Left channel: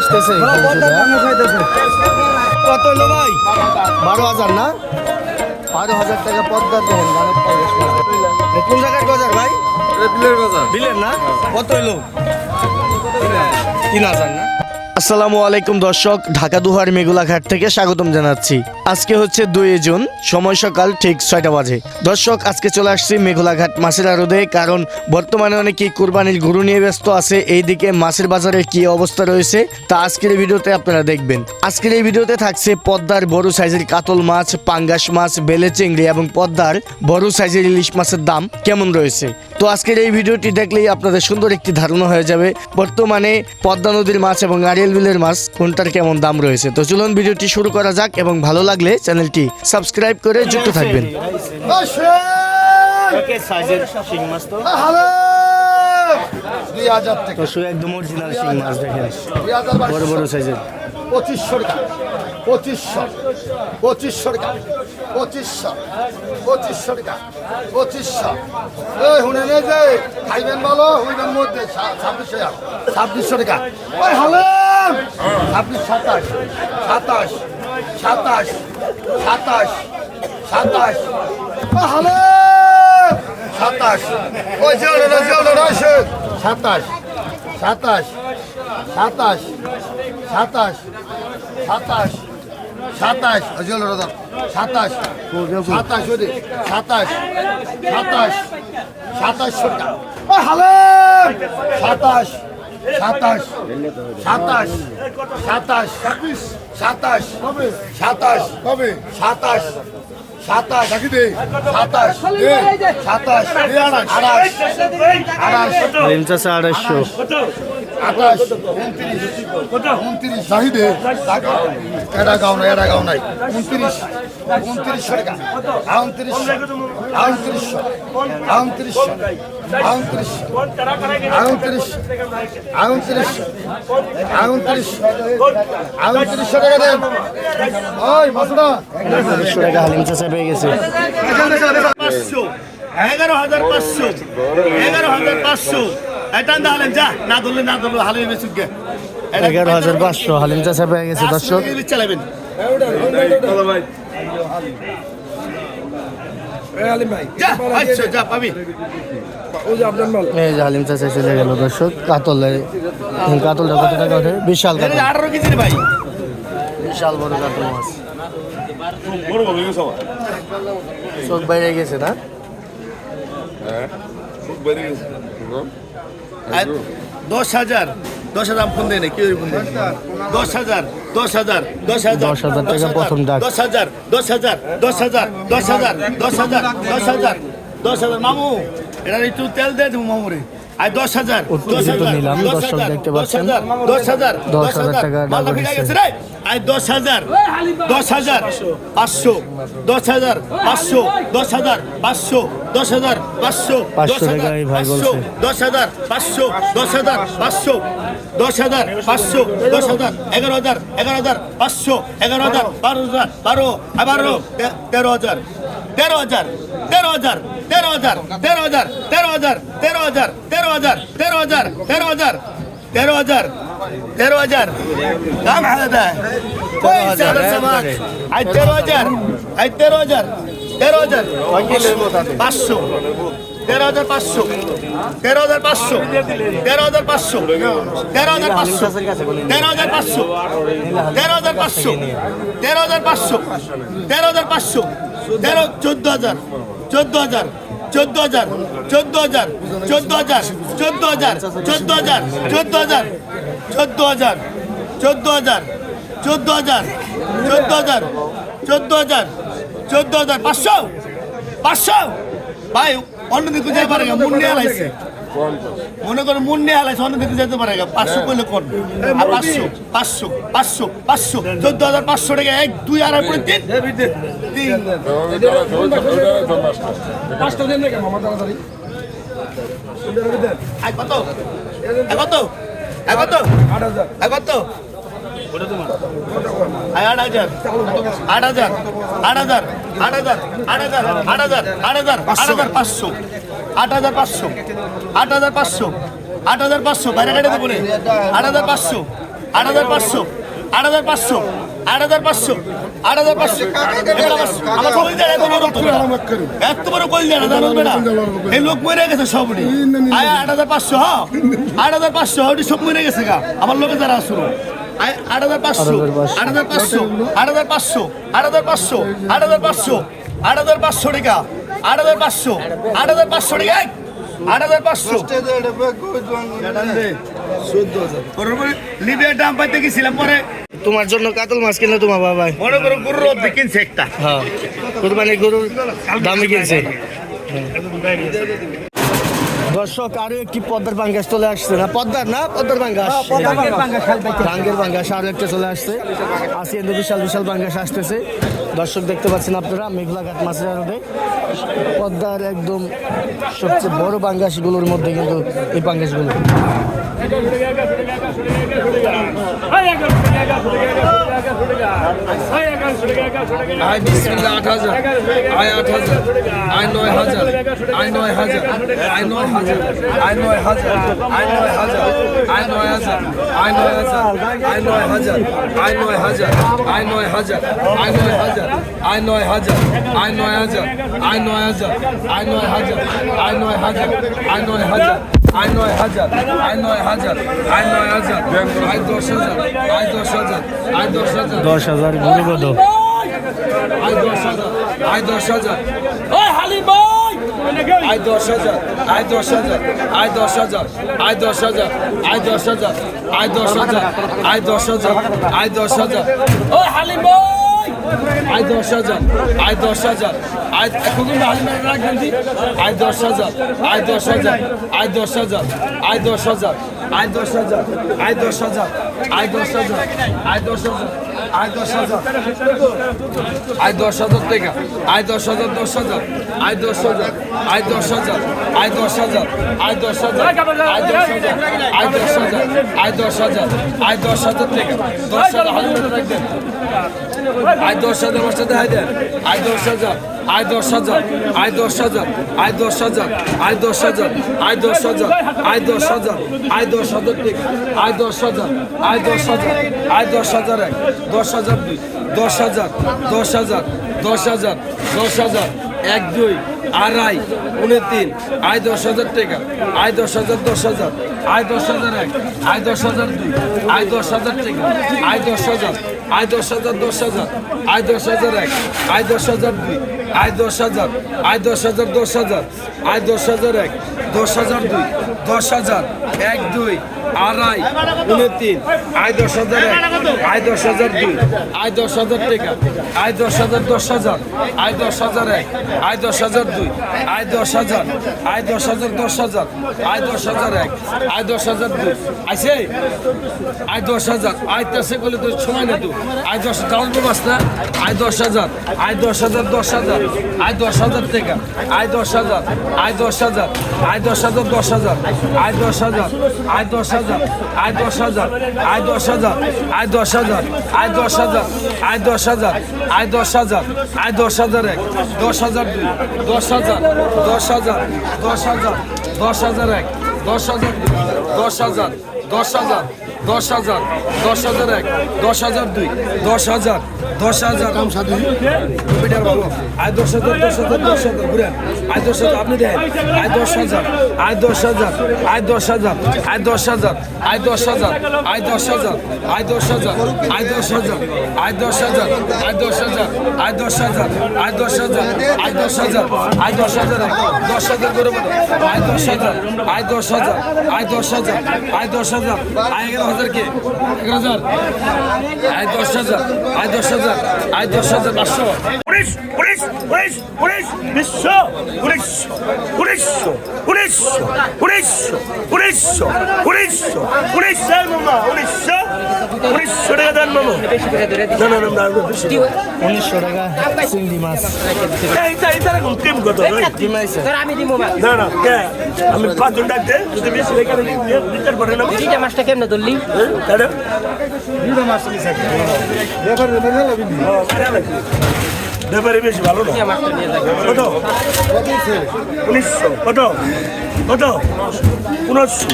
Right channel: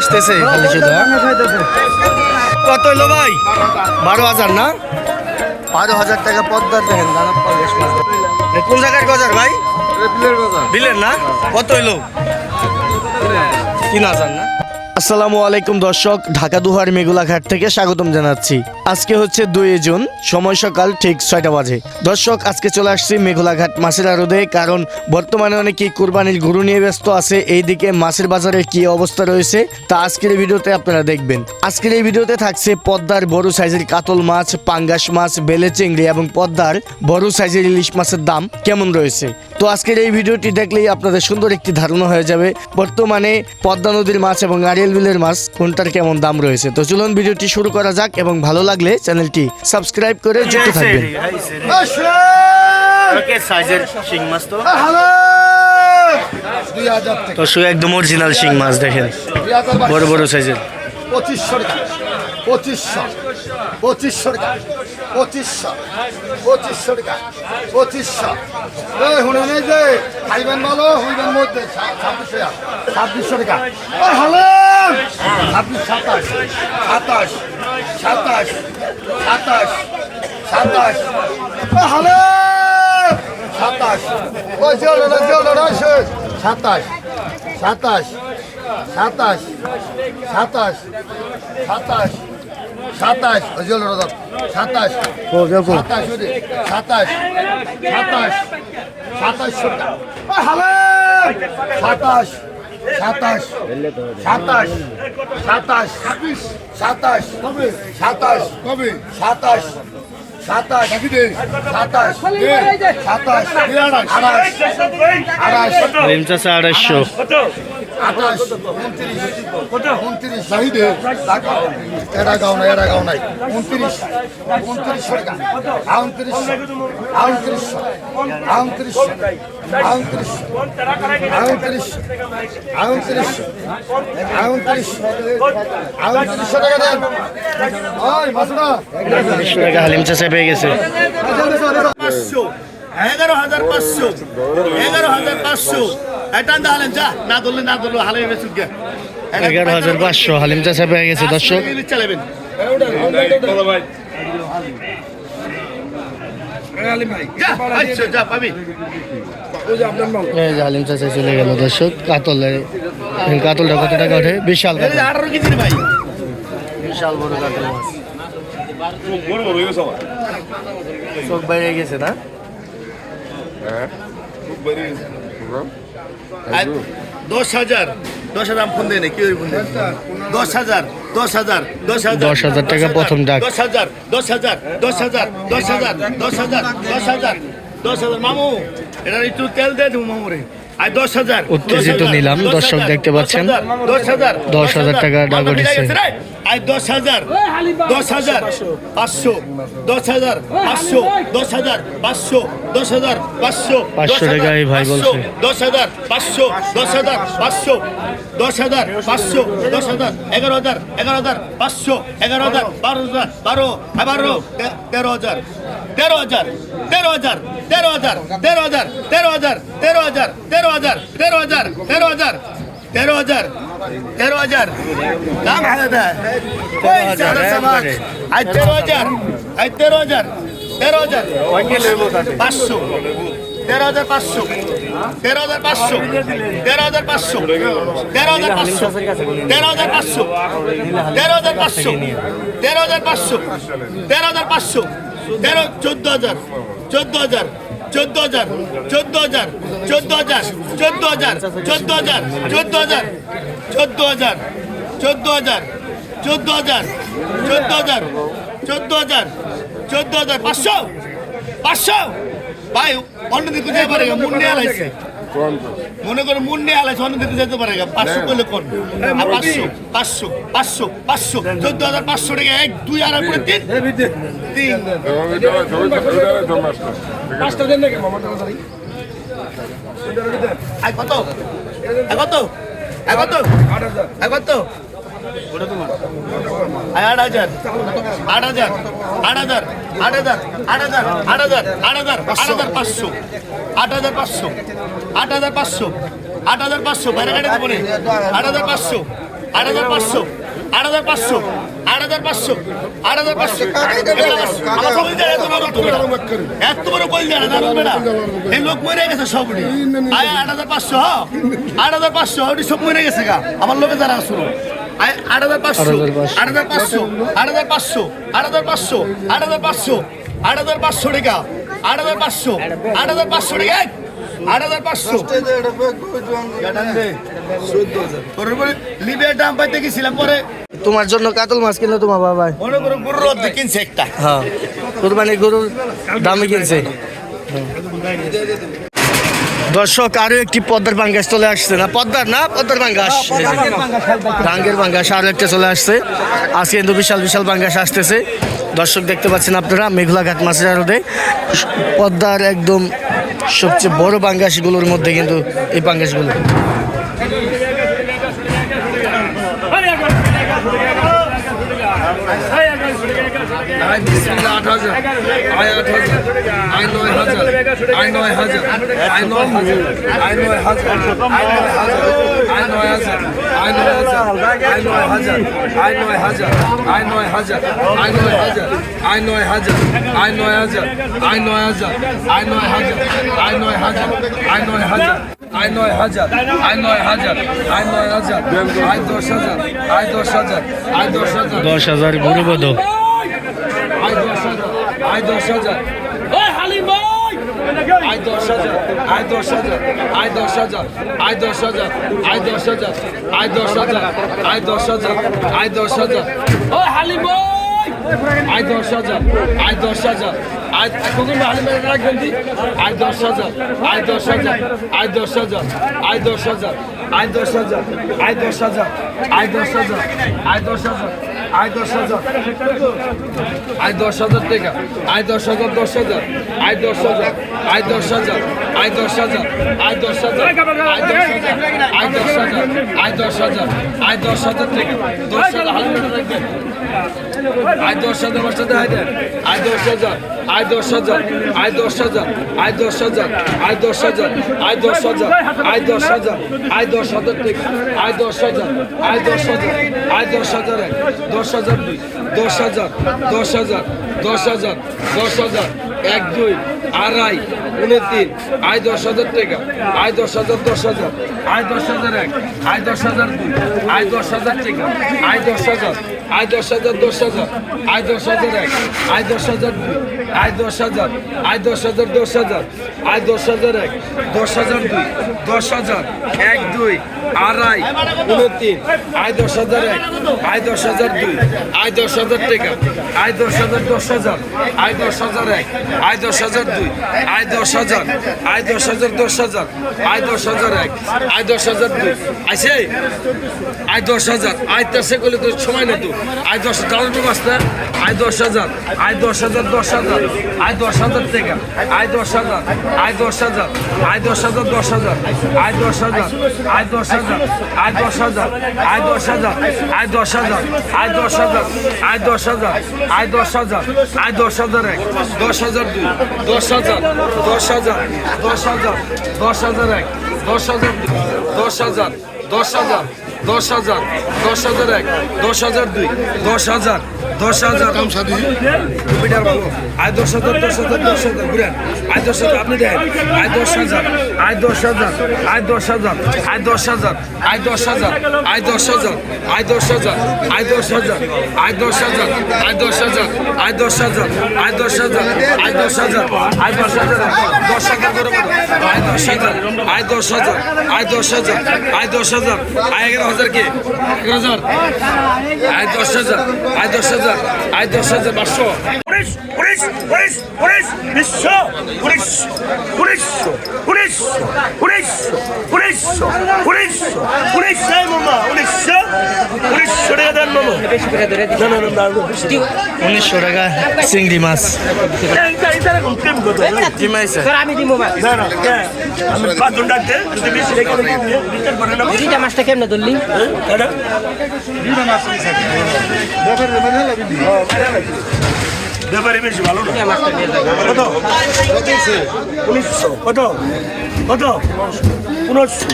আসতেছে। খালি শুধু হ্যাঁ? কত হইল ভাই? বারো হাজার না? বারো হাজার টাকা পদ্মার দেখেন কোন জায়গার গজার ভাই? বিলের না? কত হইল? তিন হাজার না? আসসালামু আলাইকুম দর্শক ঢাকা দুহার মেঘুলাঘাট থেকে স্বাগতম জানাচ্ছি। আজকে হচ্ছে দুই জুন, সময় সকাল ঠিক ছয়টা বাজে। দর্শক, আজকে চলে আসছি মেঘলাঘাট মাছের আড়দে কারণ বর্তমানে অনেকেই কুরবানির গরু নিয়ে ব্যস্ত আছে। এইদিকে মাছের বাজারে কি অবস্থা রয়েছে, তা আজকের ভিডিওতে আপনারা দেখবেন। আজকের এই ভিডিওতে থাকছে পদ্মার বড় সাইজের কাতল মাছ, পাঙ্গাস মাছ, বেলে চিংড়ি এবং পদ্মার বড় সাইজের ইলিশ মাছের দাম কেমন রয়েছে। তো আজকের এই ভিডিওটি দেখলেই আপনাদের সুন্দর একটি ধারণা হয়ে যাবে, বর্তমানে পদ্মা নদীর মাছ এবং আরিয়াল বিলের মাছ, কোনটার কেমন দাম রয়েছে। তো চলুন ভিডিওটি শুরু করা যাক এবং ভালো লাগলে চ্যানেলটি সাবস্ক্রাইব করে যুক্ত থাকবেন। সাইজের শিং মাছ তো। দুই হাজার থেকে তো শুধু একদম অরিজিনাল শিং মাছ দেখেন। বড় বড় সাইজের। পঁচিশশো টাকা। পঁচিশশো। পঁচিশশো টাকা। পঁচিশশো। পঁচিশশো টাকা। পঁচিশশো। এই হুনে নেই যে খাইবেন বলো হুইবেন মধ্যে ছাব্বিশশো টাকা। ছাব্বিশশো টাকা। ছাব্বিশ সাতাশ সাতাশ। সাতাশ। সাতাশ সাতাশ ওই হলেন সাতাশ। ওই রয়েছে সাতাশ সাতাশ সাতাশ সাতাশ সাতাশ সাতাশ। অজল রদক সাতাশ সাতাশ সাতাশ সাতাশ সাতাশ সাতাশ সাতাশ সাতাশ সাতাশ সাতাশ সাতাশ সাতাশ সাতাশ সাতাশ সাতাশ আড়াই আড়াই রিম আড়াইশো। আঠাশ উনত্রিশ উনত্রিশ। চাহিদে এরা গাও নাই এরা গাও নাই। উনত্রিশ। উনত্রিশ টাকা দেন ওই বাসুরা হালিম চাষা পেয়ে গেছে। পাঁচশো। এগারো হাজার পাঁচশো। এগারো হাজার পাঁচশো। এগারো হাজার পাঁচশো হালিম চাষা পেয়ে গেছে দর্শক। হালিম। চাষা চলে গেল দর্শক। কাতল কাতলটা কত টাকা ওঠে? বিশাল কাতল। বিশাল বড় কাতল মাছ। হ্যাঁ। চোখ বাইরে গেছে না? হ্যাঁ বাইরে গেছে। দশ হাজার দশ হাজার ফোন দেয় না কি ফোন দেয় দশ হাজার দশ হাজার দশ হাজার দশ হাজার টাকা প্রথম ডাক দশ হাজার দশ হাজার দশ হাজার দশ হাজার দশ হাজার দশ হাজার দশ হাজার মামু এটা একটু তেল দেয় দেবো মামুরে আর দশ হাজার উত্তেজিত নিলাম, দর্শক দেখতে পাচ্ছেন। দশ হাজার দশ হাজার টাকা ডাক উঠেছে। আর দশ হাজার দশ হাজার পাঁচশো দশ হাজার পাঁচশো দশ হাজার পাঁচশো দশ হাজার পাঁচশো পাঁচশো টাকা এই ভাই বলছে। দশ হাজার পাঁচশো দশ হাজার পাঁচশো দশ হাজার পাঁচশো দশ হাজার এগারো হাজার এগারো হাজার পাঁচশো এগারো হাজার বারো হাজার বারো এগারো তে- তেরো হাজার তেরো হাজার তেরো হাজার তেরো হাজার তেরো হাজার তেরো হাজার তেরো হাজার তেরো হাজার তেরো হাজার তেরো হাজার তেরো হাজার। তেরো হাজার। দাম হাজার তেরো হাজার, একবারে। আজ তেরো হাজার। আজ তেরো হাজার। তেরো হাজার। পাঁচশো। তেরো হাজার পাঁচশো। তেরো হাজার পাঁচশো। তেরো হাজার পাঁচশো। তেরো হাজার পাঁচশো। তেরো হাজার পাঁচশো। তেরো হাজার পাঁচশো। তেরো হাজার পাঁচশো। তেরো হাজার পাঁচশো। তেরো চোদ্দ হাজার। চোদ্দ হাজার। চোদ্দ হাজার চোদ্দ হাজার চোদ্দ হাজার চোদ্দ হাজার চোদ্দ হাজার চোদ্দ হাজার চোদ্দ হাজার চোদ্দ হাজার চোদ্দ হাজার চোদ্দ হাজার চোদ্দ হাজার চোদ্দ হাজার পাঁচশো পাঁচশো ভাই অন্যদিকে যেতে পারে মুন্ডিয়াল হালাইছে মনে করো মুন্ডে হালাইছে অন্য দিকে যেতে পারে পাঁচশো করলে কোন পাঁচশো পাঁচশো পাঁচশো পাঁচশো চোদ্দ হাজার পাঁচশো টাকা এক দুই আড়াই করে তিন তিন। কত? কত? কত? কত? আট হাজার আট হাজার আট হাজার। আট হাজার আট হাজার আট হাজার আট হাজার আট হাজার পাঁচশো আট হাজার পাঁচশো আট হাজার পাঁচশো আট হাজার পাঁচশো বাইরে আট হাজার পাঁচশো আট হাজার পাঁচশো আট হাজার পাঁচশো আট হাজার পাঁচশো আট হাজার পাঁচশো আমার কইল দেয় এত বড় এত বড় কইল দেয় না বেটা এই লোক মরে গেছে আয় আট হাজার পাঁচশো হ্যাঁ আট হাজার পাঁচশো সব মরে গেছে গা আমার লোকে যারা আয় আট হাজার পাঁচশো আট হাজার পাঁচশো আট হাজার পাঁচশো আট হাজার পাঁচশো আট হাজার পাঁচশো আট হাজার পাঁচশো টাকা আট হাজার পাঁচশো আট হাজার পাঁচশো টাকা আট হাজার পাঁচশো লিবিয়ার দাম পাইতে গেছিলাম পরে তোমার জন্য কাতল মাছ কিনলো তোমার বাবা মনে করো গরুর অর্ধেক কিনছে একটা হ্যাঁ কুরবানি গরুর দামে কিনছে দর্শক আরও একটি পদ্মার পাঙ্গাস চলে আসছে না পদ্মার না পদ্মার পাঙ্গাস রাঙ্গের পাঙ্গাস আরও একটা চলে আসছে আজকে কিন্তু বিশাল বিশাল পাঙ্গাস আসতেছে দর্শক দেখতে পাচ্ছেন আপনারা মেঘলা ঘাট মাছের আড়তে পদ্মার একদম সবচেয়ে বড় পাঙ্গাসগুলোর মধ্যে কিন্তু এই পাঙ্গাসগুলো আয়, বিসমিল্লাহ, আট হাজার। আয়, আট হাজার। আয়, নয় হাজার। আয়, নয় হাজার। আয়, নয় হাজার। আয়, নয় হাজার। আয়, নয় হাজার। আয়, নয় হাজার। আয় নয় হাজার আয় নয় হাজার আয় নয় হাজার আয় নয় হাজার আয় নয় হাজার আয় নয় হাজার আয় নয় হাজার আয় নয় হাজার আয় নয় হাজার আয় নয় হাজার আয় নয় হাজার আয় নয় হাজার আয় নয় হাজার আয় দশ হাজার আয় দশ হাজার আয় দশ হাজার দশ হাজার গরু বধ আয় দশ হাজার আয় দশ হাজার আয় দশ হাজার আয় দশ হাজার আয় দশ হাজার আয় দশ হাজার আয় দশ হাজার আয় দশ হাজার আয় দশ হাজার আয় দশ হাজার ওই হালিম আয় দশ হাজার আয় দশ হাজার আয় শুধু হালিম রাখবেন দি আয় দশ হাজার আয় দশ হাজার আয় দশ হাজার আয় দশ হাজার আয় দশ হাজার আয় দশ হাজার আয় দশ হাজার আয় দশ হাজার আয় দশ হাজার আয় দশ হাজার টাকা আয় দশ হাজার দশ হাজার আয় দশ হাজার আয় দশ হাজার আয় দশ হাজার আয় দশ হাজার আয় দশ হাজার আয় দশ হাজার আয় দশ হাজার টাকা দশ হাজার আয় দশ হাজার দশ হাজার হাজার আয় দশ হাজার আয় দশ হাজার আয় দশ হাজার আয় দশ হাজার আয় দশ হাজার আয় দশ হাজার আয় দশ হাজার আয় দশ হাজার আয় দশ হাজার আয় দশ হাজার আয় দশ হাজার এক দশ হাজার দুই দশ হাজার দশ হাজার দশ হাজার দশ হাজার এক দুই আড়াই উনতিন আয় দশ হাজার টাকা আয় দশ হাজার দশ হাজার আয় দশ হাজার এক আয় দশ হাজার দুই আয় দশ হাজার টাকা আয় দশ হাজার আয় দশ হাজার দশ হাজার আয় দশ হাজার এক আয় দশ হাজার দুই আয় দশ হাজার আয় দশ হাজার দশ হাজার আয় দশ হাজার এক দশ হাজার দুই দশ হাজার এক দুই আড়াই উনতিন আয় দশ হাজার আয় দশ হাজার দুই আয় দশ হাজার টাকা আয় দশ হাজার দশ হাজার আয় দশ হাজার এক আয় দশ হাজার দুই আয় দশ হাজার আয় দশ হাজার দশ হাজার আয় দশ হাজার এক আয় দশ হাজার দুই আছে আয় দশ হাজার আয় তেসে করলে তো সময় না আয় দশ দাম তো মাস না আয় দশ হাজার আয় দশ হাজার দশ হাজার আয় দশ হাজার টাকা আয় দশ হাজার আয় দশ হাজার আয় দশ হাজার দশ হাজার আয় দশ হাজার আয় দশ হাজার আয় দশ হাজার আয় দশ হাজার আয় দশ হাজার আয় দশ হাজার আয় দশ হাজার আয় দশ হাজার আয় দশ হাজার এক দশ হাজার দুই দশ হাজার দশ হাজার দশ হাজার দশ হাজার এক দশ হাজার দুই দশ হাজার দশ হাজার দশ হাজার দশ হাজার এক দশ হাজার দুই দশ হাজার দশ হাজার কম সাথে আয় দশ হাজার দশ হাজার দশ হাজার ঘুরেন আয় দশ হাজার আপনি দেখেন আয় দশ হাজার আয় দশ হাজার আয় দশ হাজার আয় দশ হাজার আয় দশ হাজার আয় দশ হাজার আয় দশ হাজার আয় দশ হাজার আয় দশ হাজার আয় দশ হাজার আয় দশ হাজার আয় দশ হাজার আয় দশ হাজার আয় দশ হাজার দশ হাজার করে আয় দশ হাজার আয় দশ হাজার আয় দশ হাজার আয় দশ হাজার আয় এগারো হাজার কে এগারো হাজার? আয় দশ হাজার আয় দশ হাজার আয় দশ হাজার পাঁচশো। উনিশ উনিশ উনিশ উনিশ বিশ্ব উনিশশো উনিশশো উনিশশো উনিশশো উনিশশো উনিশশো উনিশশো মামা উনিশশো উনিশশো টাকা দেন মামা। না না না উনিশশো টাকা চিংড়ি মাছ। মাছটা কেমনে ধরলি? তাই না ব্যাপারে বেশি ভালো না। কত? উনিশশো। কত? কত? উনিশশো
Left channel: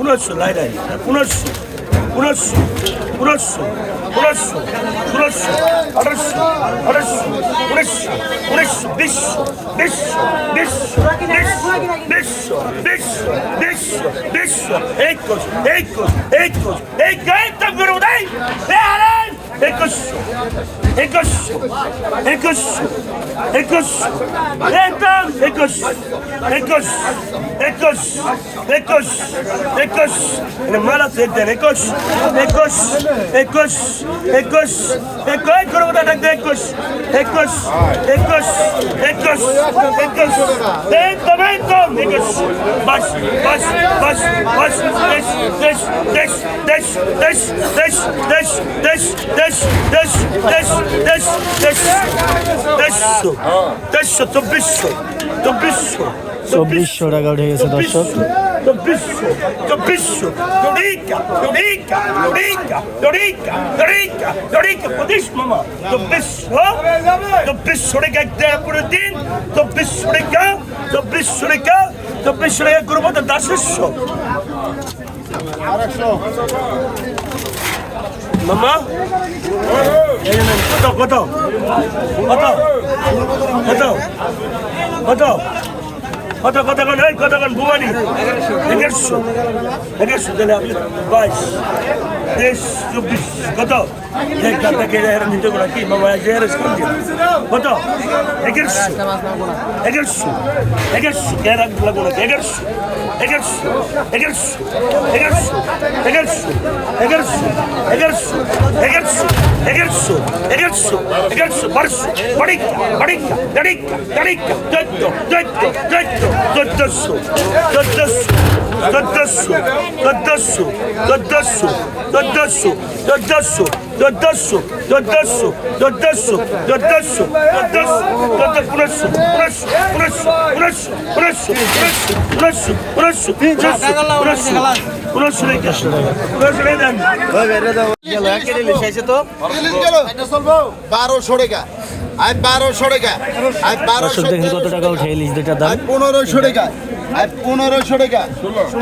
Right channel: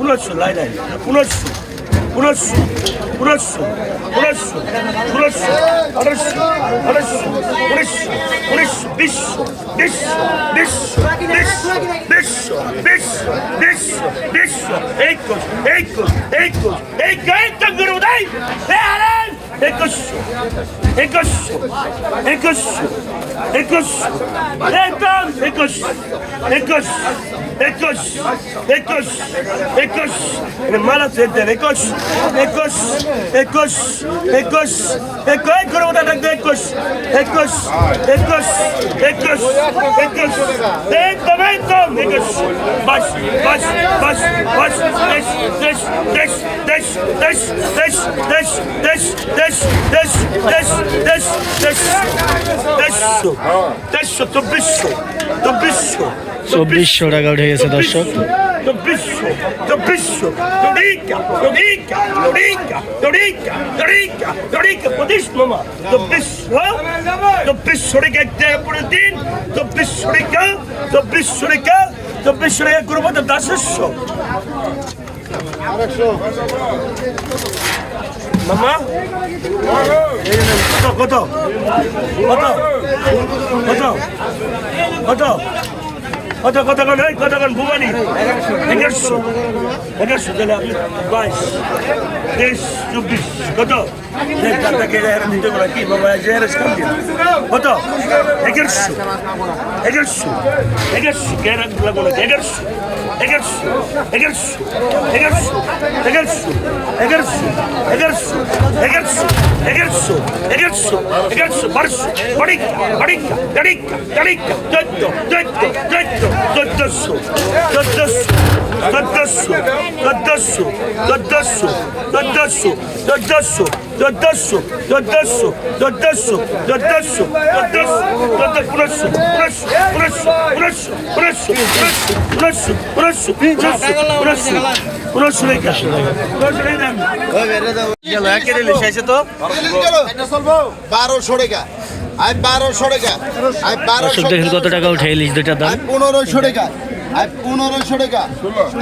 উনিশশো লাই লাই। উনিশশো উনিশশো উনিশশো উনিশশো উনিশশো আঠাশশো। আঠাশশো। উনিশশো। উনিশশো। বিশশো বিশশো বিশশো বিশশো বিশশো বিশশো বিশশো একুশ। একুশ। এই গায়িকা গুরু দেয় হে হারান একুশশো একুশশো একুশশো একুশশো। একদম একুশ একুশ একুশ একুশ একুশ মারা দেন একুশ একুশ একুশ একুশ একুশ করব ডাকতে একুশ একুশ একুশ একুশ একুশ একদম একদম একুশ বাস বাস বাস বাস দেশ দেশ দেশ দেশ দেশ দেশ দেশ দেশ দেশ দেশ দেশ চব্বিশশো টাকা উঠে গেছে দর্শক। চব্বিশশো চব্বিশশো চড়িকা চড়িকা চড়িকা চড়িকা চড়িকা চড়িকা প্রদেশ মামা চব্বিশশো চব্বিশশো টাকা দেয় পরে দিন চব্বিশশো টাকা চব্বিশশো টাকা চব্বিশশো টাকা করব তো দাসস্য। আরেকশো কত কত কত কত কত কত কত কন এই কত কন ভুবানি এগারোশো এগারোশো গেল বাইশ তেইশ চব্বিশ কত এক দাদাকে জাহেরা দিতে পারা কি মামা জাহেরা কাম দিল কত এগারোশো এগারোশো এগারোশো কে রাখতে লাগল এগারোশো এগারোশো এগারোশো এগারোশো এগারোশো এগারোশো এগারোশো এগারোশো এগারোশো এগারোশো এগারোশো বারোশো বাড়িকা বাড়িকা গাড়িকা গাড়িকা চোদ্দ চোদ্দ চোদ্দ চোদ্দশো চোদ্দশো চোদ্দশো চোদ্দশো চোদ্দশো চোদ্দশো চোদ্দশো চোদ্দশো চোদ্দশো চোদ্দশো চোদ্দশো চোদ্দশো বারোশো টাকা আর বারোশো টাকা আর বারোশো দেখেন কত টাকা উঠে ইলিশ দুটার দাম পনেরোশো টাকা আই পনেরোশো টাকা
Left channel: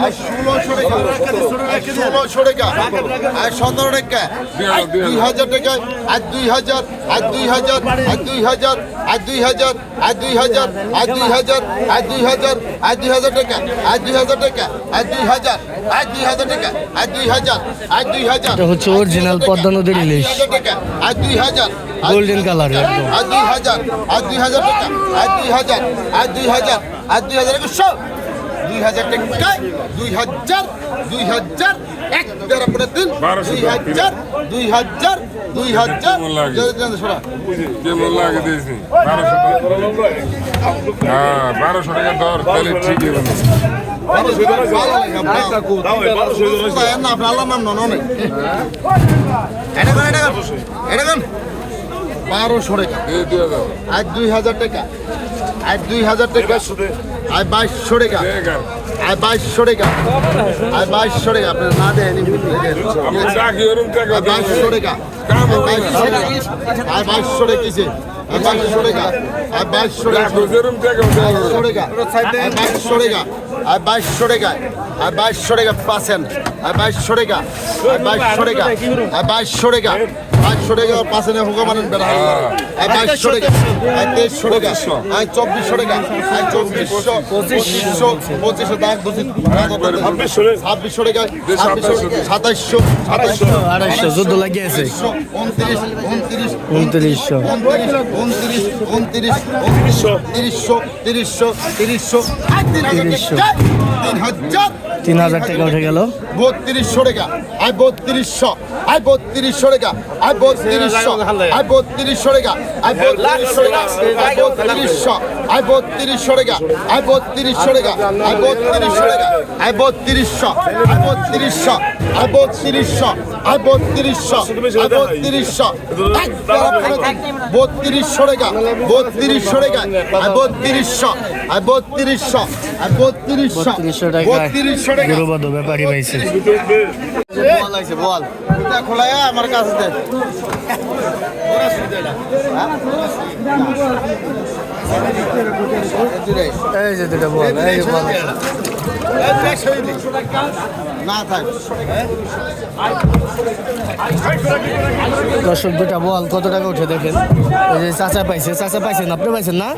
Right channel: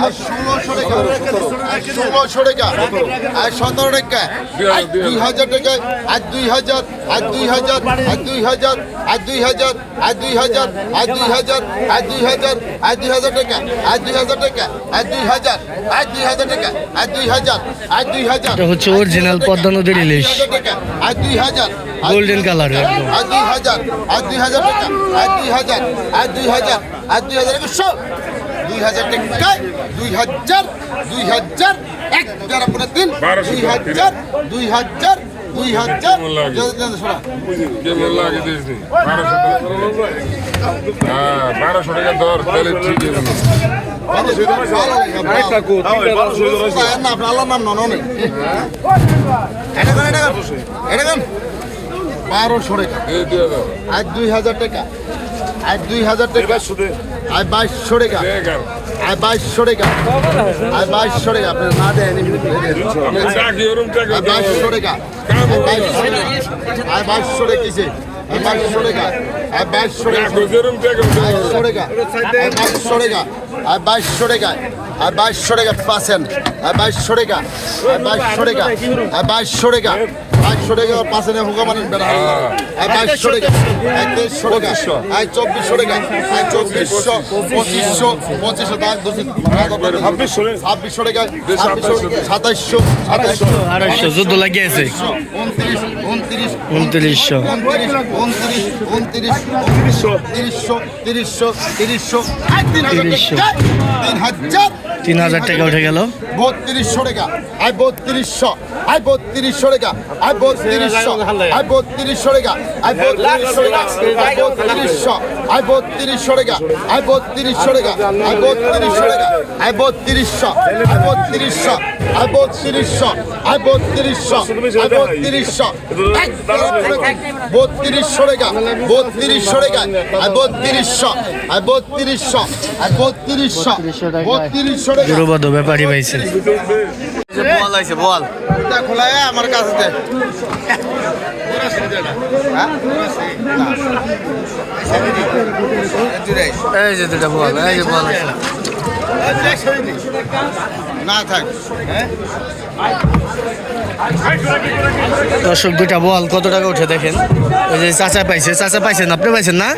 আই ষোলোশো টাকা আই ষোলোশো টাকা আই সতেরো টাকা আই দুই হাজার টাকা আই দুই হাজার আই দুই হাজার আই দুই হাজার আই দুই হাজার আই দুই হাজার আই দুই হাজার আই দুই হাজার আই দুই হাজার টাকা আই দুই হাজার টাকা আই দুই হাজার আই দুই হাজার টাকা আই দুই হাজার আই দুই হাজার এটা হচ্ছে অরিজিনাল পদ্মা নদীর ইলিশ আই দুই হাজার গোল্ডেন কালার একদম আর দুই হাজার আর দুই হাজার টাকা আর দুই হাজার আর দুই হাজার আর দুই হাজার একশো দুই হাজার টাকা দুই হাজার দুই হাজার এক তেরো করে তিন দুই হাজার দুই হাজার দুই হাজার। বারোশো টাকা। হ্যাঁ বারোশো টাকা দর তাহলে হলো বারোশো টাকা আর দুই হাজার টাকা। আর দুই হাজার টাকা আর বাইশশো টাকা আর বাইশশো টাকা আর বাইশশো টাকা আপনার না আর বাইশশো টাকা বাইশশো টাকা আর বাইশশো টাকা কিসে আর বাইশশো টাকা আর বাইশশো টাকা বাইশশো টাকা আর বাইশশো টাকা আর বাইশশো টাকা আর বাইশশো টাকা পার্সেন্ট আর বাইশশো টাকা। আর বাইশশো টাকা। আর বাইশশো টাকা। বাইশশো টাকা পার্সেন্ট হুকা মানেন বেড়া আর বাইশশো টাকা। আর তেইশশো টাকা। আর চব্বিশশো টাকা। আর চব্বিশশো পঁচিশশো পঁচিশশো দাগ ছাব্বিশশো ছাব্বিশশো টাকা। ছাব্বিশশো সাতাইশশো সাতাইশশো। আড়াইশো যুদ্ধ লাগিয়েছে উনত্রিশ উনত্রিশ। উনত্রিশশো। উনত্রিশ উনত্রিশ উনত্রিশশো তিরিশশো তিরিশশো তিরিশশো। তিন হাজার তিন হাজার। তিন হাজার টাকা উঠে গেল। বত্রিশশো টাকা। আর বত্রিশশো। আর বত্রিশশো টাকা। আর বত্রিশশো। আর বত্রিশশো টাকা। আর বত্রিশশো টাকা। আই বত্রিশশো। আর বত্রিশশো টাকা। আর বত্রিশশো টাকা। আর বত্রিশশো টাকা। আর বত্রিশশো। আর বত্রিশশো। আর বত্রিশশো। বত্রিশশো আই বত্রিশশো বত্রিশশো। টাকা বত্রিশশো টাকা আই বত্রিশশো আই বত্রিশশো আই বত্রিশশো। বত্রিশশো গরুবাদ ব্যাপারী পাইছে। বল আইছে বল। খোলা আমার কাছে দে। এই যে দুটা বল এই যে বল। দর্শক দুটা বল কত টাকা উঠে দেখেন? ওই যে চাচা পাইছে চাচা পাইছেন আপনি পাইছেন না?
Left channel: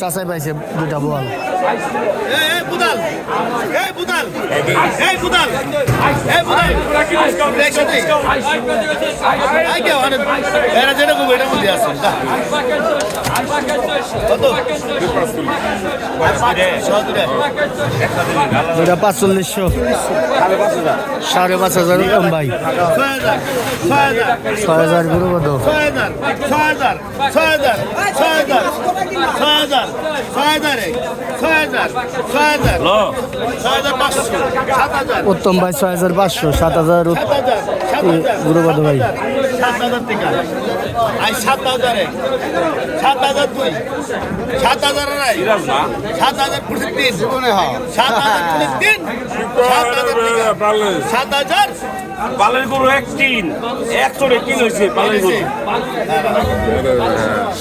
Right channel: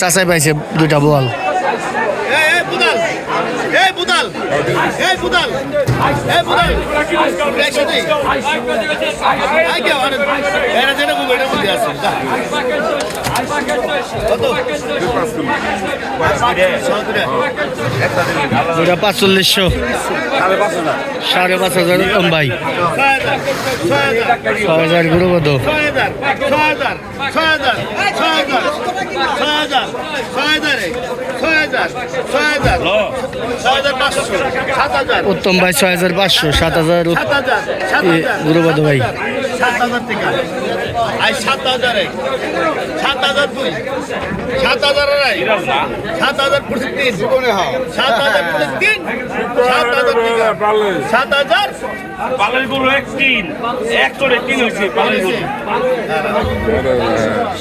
চাচাই পাইছে দুইটা বল। ওটা পাঁচচল্লিশশো। সাড়ে পাঁচ হাজার। কম ভাই। ছয় হাজার গুরু কত? উত্তম ভাই ছয় হাজার পাঁচশো সাত হাজার গুরুপদ ভাই? সাত হাজার টাকা। আই সাত হাজারে। সাত হাজার দুই। সাত সাত হাজার সাত হাজার সাত হাজার গরু এক তিন। এক করে তিন হয়েছে গরু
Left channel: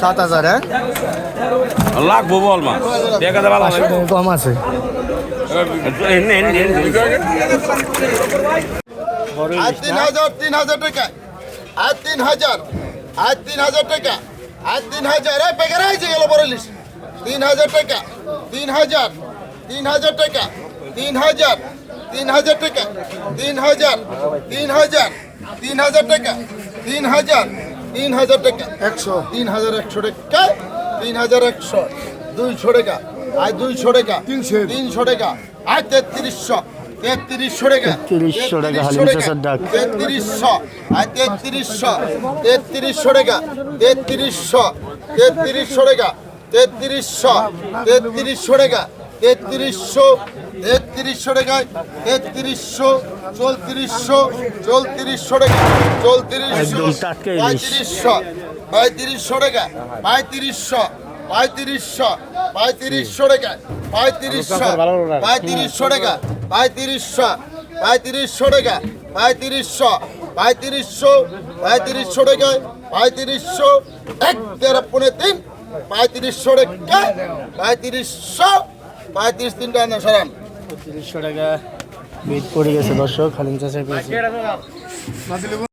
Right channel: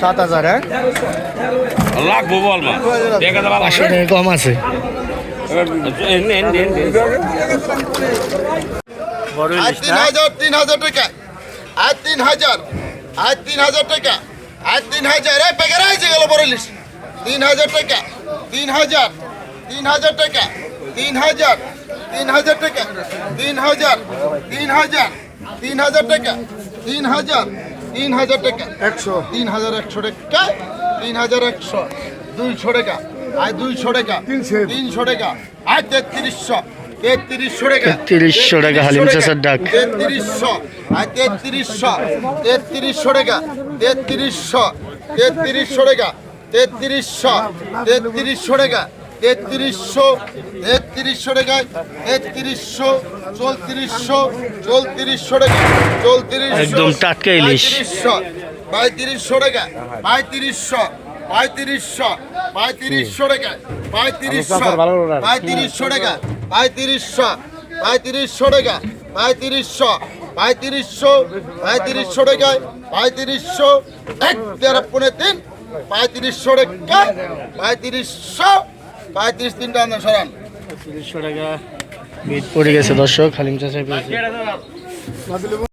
সাত হাজার হ্যাঁ? লাগবো বল মা। এক হাজার পাঁচশো টাকা কম আছে। বড় আর তিন হাজার তিন হাজার টাকা। আর তিন হাজার। আর তিন হাজার টাকা। আর তিন হাজার। এই বেকার হয়েছে গেল বড় ইলিশ তিন হাজার টাকা। তিন হাজার। তিন হাজার টাকা। তিন হাজার। তিন হাজার টাকা। তিন হাজার। তিন হাজার। তিন হাজার টাকা। তিন হাজার। তিন হাজার টাকা। একশো। তিন হাজার একশো টাকা। তিন হাজার একশো। দুইশো টাকা। আর দুইশো টাকা। তিনশো। তিনশো টাকা। আর তেত্রিশশো। তেত্রিশশো টাকা 3300 টাকা হালিম চাচার ডাক। তেত্রিশশো তেত্রিশশো তেত্রিশশো টাকা তেত্রিশশো তেত্রিশশো টাকা তেত্রিশশো তেত্রিশশো টাকা তেত্রিশশো তেত্রিশশো টাকা তেত্রিশশো চৌত্রিশশো চৌত্রিশশো টাকা চৌত্রিশশো একদম টাটকা ইলিশ। পঁয়ত্রিশশো টাকা পঁয়ত্রিশশো পঁয়ত্রিশশো পঁয়ত্রিশশো টাকা পঁয়ত্রিশশো পঁয়ত্রিশশো টাকা পঁয়ত্রিশশো পঁয়ত্রিশশো টাকা, পঁয়ত্রিশশো পঁয়ত্রিশশো পঁয়ত্রিশশো টাকা পঁয়ত্রিশশো, এক তেরো পনেরো তিন, পঁয়ত্রিশশো টাকা, পঁয়ত্রিশশো, পঁয়ত্রিশ তিনটা আনা সরান। তিরিশশো টাকা বিট পড়ে গেছে দর্শক খালিম পেয়েছে।